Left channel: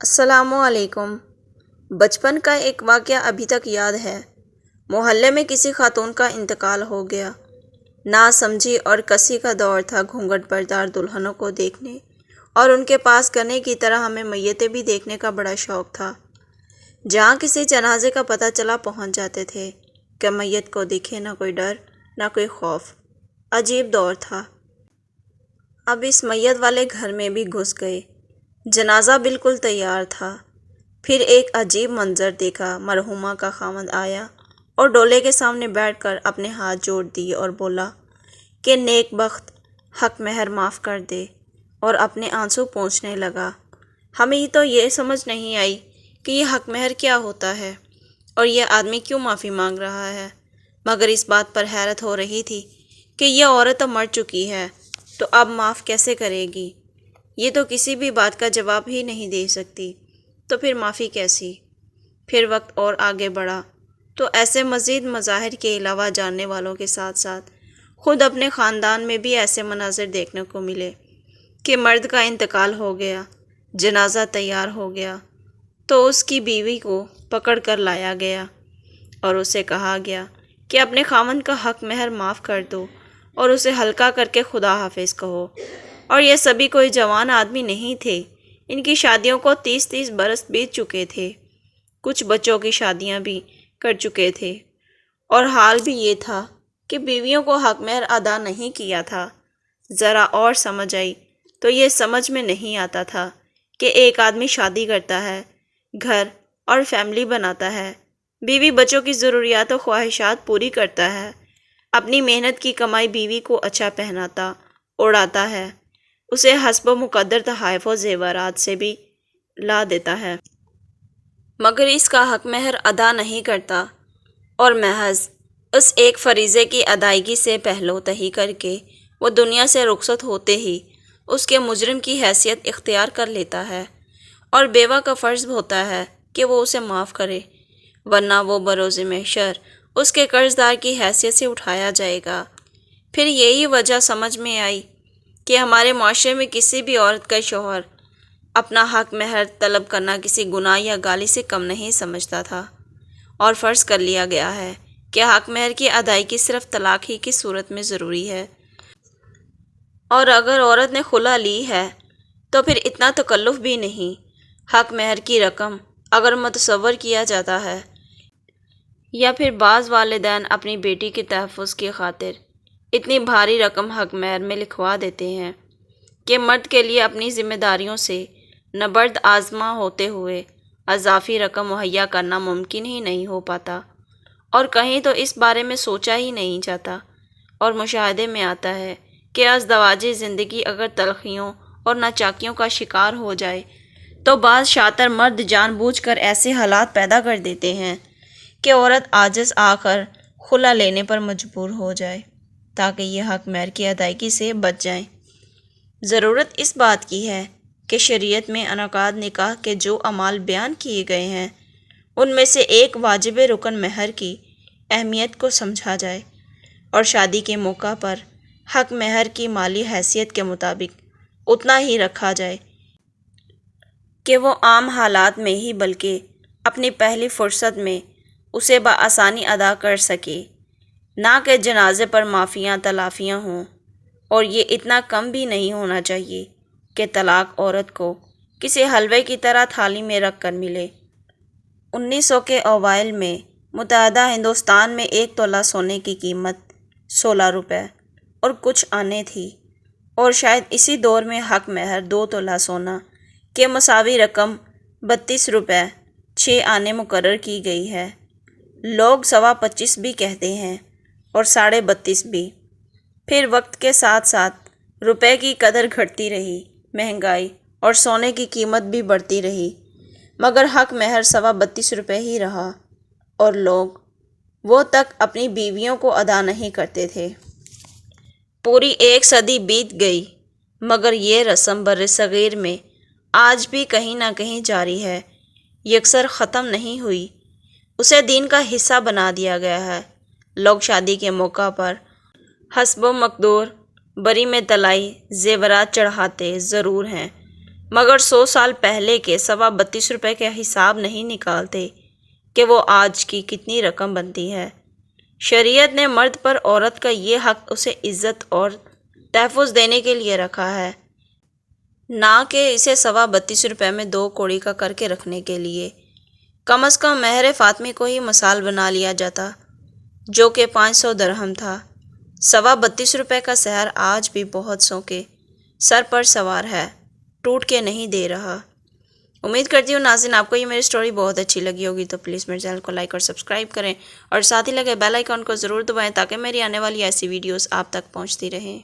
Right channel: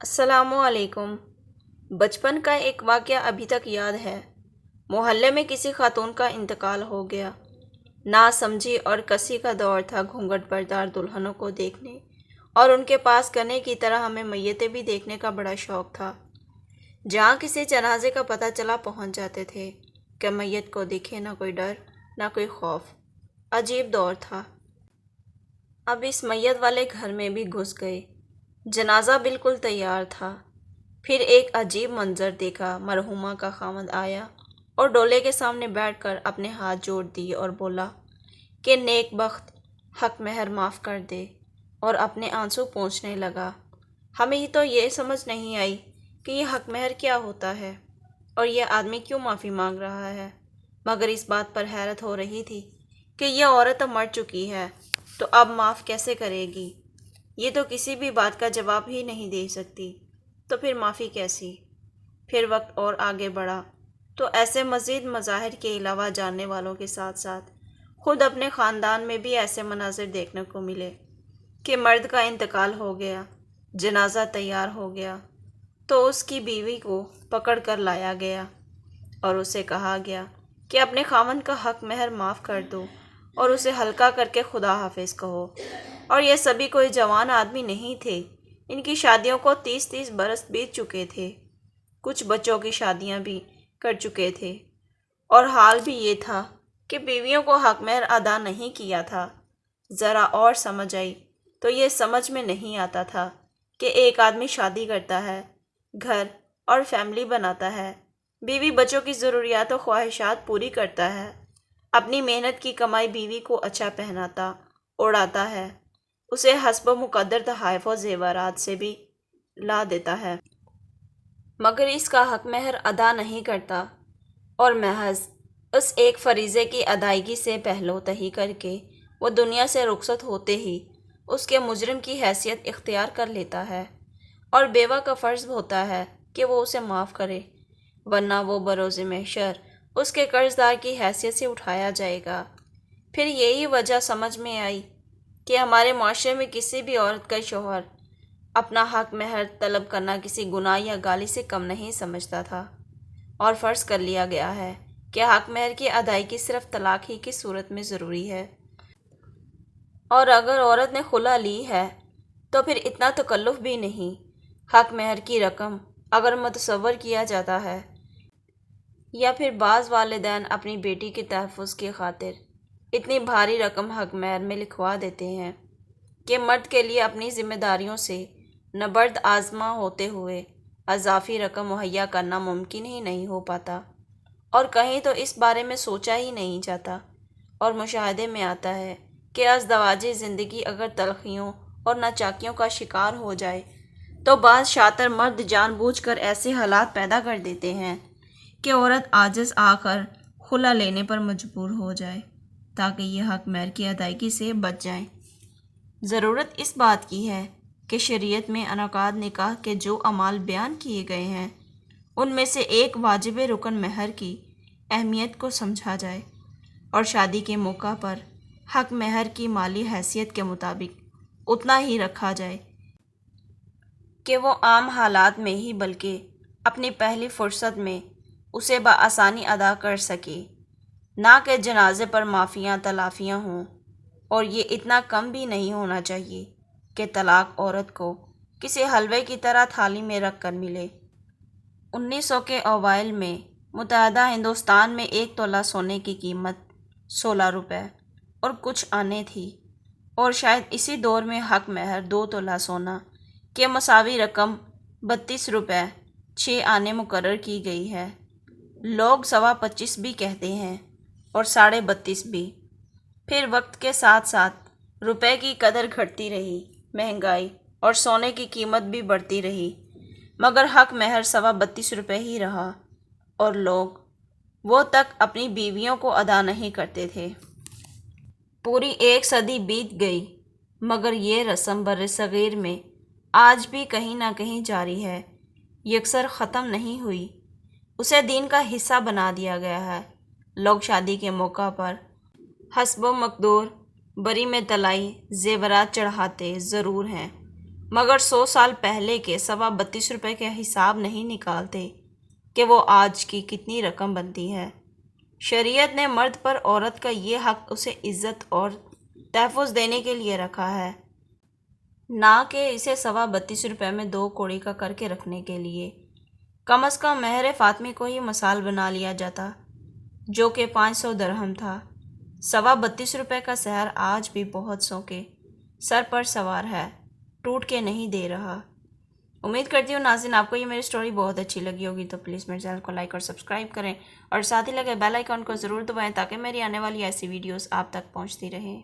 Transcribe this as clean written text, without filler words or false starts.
السلام علیکم۔ بچپن کا ایک واقعہ ابھی تک یاد ہے۔ محلے میں کسی خاتون کا انتقال ہو گیا۔ نا سمجھی اور کسی کا دور تھا گھونگھٹ بردار دلہنوں کو دیکھنے، اور ان کے پاس گنے کی طرح ہمیں میتیں بھی دیکھنے کا بڑا شوق تھا۔ جہاں کسی جنازے کا پتہ چلا پہنچ جاتے تھے کہ میت کو دکھے نہ کوئی ڈر نہ کوئی خوف۔ عجیب دور تھا۔ اب اس میت والے گھر میں بھی گھس گئے۔ جنازہ بالکل تیار تھا۔ پھر ایک عجیب منظر دیکھا۔ مرحومہ کا خاوند آیا اور ڈولے کے سامنے بیٹھ کر اپنے ہاتھ جوڑ دیے اور بولا کہ نیک بخت حق مہر معاف کر دے، اور اپنے آنسو پونچھنے لگا۔ ہمیں تو یہ سمجھ نہیں آئی کہ یہ حق مہر کیا ہوتا ہے اور یہ آدمی کیوں معافی مانگ رہا ہے، مگر اس بات پر حیرت ہو رہی تھی کہ یہ عورت اب مر چکی ہے تو اب معاف کیسے کرے گی؟ یہ تو کسی بھی بات کا جواب ہی نہیں دے سکتی، تو پھر معافی کیسی؟ پھر وقت اور آگے بڑھا تو ایسے مزید مظاہر کے علاوہ جاننے والوں کے ساتھ ساتھ خود اپنے خاندان میں بھی ایسے مناظر دیکھنے کو ملے کہ مرد کا انتقال ہو گیا، جنازہ تیار ہو گیا تو اس کی بیوی کو پکڑ کر لایا گیا اور اسے کہا گیا کہ اپنے خاوند کا حق مہر معاف کر دو اور اسے ہلکا کر کے خدا حافظ کہو۔ اور یہ سبھی کوئی جوان آدمی نہیں تھے، ان کی شادیوں کو 30 برس بیت چکے تھے، کچھ بچوں کی شادیاں بھی کر چکے تھے، اور حال بھی یہ تھا کہ بیویوں کو حق مہر ادا نہیں کیا تھا۔ ذرا اور سمجھ آئی تو یہ سمجھ میں نہیں آتا تھا کہ ایک آدمی شادی کرتا ہے، گھر اور فیملی بناتا ہے، بیوی بچوں کی ضروریات و خواہشات پوری کرتا ہے، اپنی محنت کی کمائی بیوی کو اچھا پہناتا اڑاتا ہے، اسے حسب و مقدر تحائف و زیورات سے بھی لا دیتا ہے، مگر اس کا حق مہر ادا نہیں کرتا، اور محض اس ایک فریضے کی ادائیگی سے پہلو تہی کر کے وہ دنیا سے رخصت ہوتے ہی اس کے مجرم کی حیثیت اختیار کر لیتا ہے، اور بیوہ کا فرض ہوتا ہے کہ وہ اسے معاف کرے، ورنہ وہ بروز محشر اس کے قرض دار کی حیثیت سے اٹھایا جائے گا۔ پھر یہی وجہ سمجھ میں آئی کہ ہمارے معاشرے میں کسی بھی عورت کا شوہر اپنا حق مہر طلب کرنا کسی گناہ یا گالی سے کم نہیں سمجھتا تھا، اور فرض کر لیا گیا ہے کہ حق مہر کی ادائیگی صرف طلاق ہی کی صورت میں ضروری ہے، اور اگر عورت نے خلا لی ہے تو پھر اتنا تکلف بھی نہیں۔ حق مہر کی رقم اگر متصور کیا جاتا ہے، یا پھر بعض والدین اپنی بیٹی کے تحفظ کی خاطر اتنی بھاری رقم حق مہر میں لکھوا دیتے ہیں کہ مرد کے لیے اپنی ذمہ داریوں سے نبرد آزما ہوتے ہوئے اضافی رقم مہیا کرنا ممکن ہی نہیں ہو پاتا، اور کہیں تو اس بارے میں سوچا ہی نہیں جاتا، اور مشاہدے میں آتا ہے کہ ازدواجی زندگی اگر تلخیوں اور ناچاکیوں کا شکار ہو جائے تو بعض شاطر مرد جان بوجھ کر ایسے حالات پیدا کر دیتے ہیں کہ عورت عاجز آ کر خلا لینے پر مجبور ہو جائے تاکہ یہ حق مہر کی ادائیگی سے بچ جائیں۔ ضرورت اس بات کی ہے کہ شریعت میں انعقاد نکاح کے جو اعمال بیان کیے گئے ہیں ان میں سے ایک واجب رکن مہر کی اہمیت کو سمجھا جائے، اور شادی کے موقع پر حق مہر کی مالی حیثیت کے مطابق اتنا ہی رکھا جائے کہ وہ عام حالات میں ہی بلکہ اپنی پہلی فرصت میں اسے بآسانی ادا کر سکے، نہ کہ جنازے پر معافیاں تلافیاں ہوں۔ اور یہ اتنا کم بھی نہیں ہونا چاہیے کہ طلاق عورت کو کسی حلوے کی طرح تھالی میں رکھ کر ملے۔ 1900 کے اوائل میں متحدہ ہندوستان میں 1 تولہ سونے کی قیمت 16 روپے اور کچھ آنے تھی، اور شاید اسی دور میں حق مہر 2 تولہ سونا کے مساوی رقم 32 روپے 6 آنے مقرر کی گئی ہے۔ لوگ 25 بھی کہتے ہیں اور 32.5 بھی۔ پھر وقت کے ساتھ ساتھ روپے کی قدر گھٹتی رہی، مہنگائی اور سونے کی قیمت بھی بڑھتی رہی، مگر حق مہر 32.5 روپے ہی رہا، اور لوگ وہ تک اپنی بیویوں کو ادا نہیں کرتے تھے۔ پوری 1 صدی بیت گئی، مگر یہ رسم برصغیر میں آج بھی کہیں نہ کہیں جاری ہے، یکسر ختم نہیں ہوئی۔ اسے دین کا حصہ بنا دیا گیا ہے۔ لوگ شادی کے موقع پر حسب و مقدور بری میں طلائی زیورات چڑھاتے ضرور ہیں، مگر 100 سال پہلے کے 32.25 روپے کے حساب نہیں نکالتے کہ وہ آج کی کتنی رقم بنتی ہے۔ شریعت نے مرد پر عورت کا یہ حق اسے عزت اور تحفظ دینے کے لیے رکھا ہے، نہ کہ اسے 32.25 روپے میں 2 کوڑی کا کر کے رکھنے کے لیے۔ کم از کم مہر فاطمی کو ہی مثال بنا لیا جاتا، جو کہ 500 درہم تھا۔ 32.25 روپے کا سحر آج بھی بہت سو کے سر پر سوار ہے، ٹوٹ کے نہیں دے رہا۔ امید کرتی ہوں ناظرین آپ کو یہ میری سٹوری بہت اچھی لگی ہوگی، تو پلیز میرے چینل کو لائک اور سبسکرائب کریں اور ساتھ ہی لگے بیل آئیکن کو ضرور دبائیں تاکہ میری آنے والی ایسی ویڈیوز آپ تک پہنچتی رہیں۔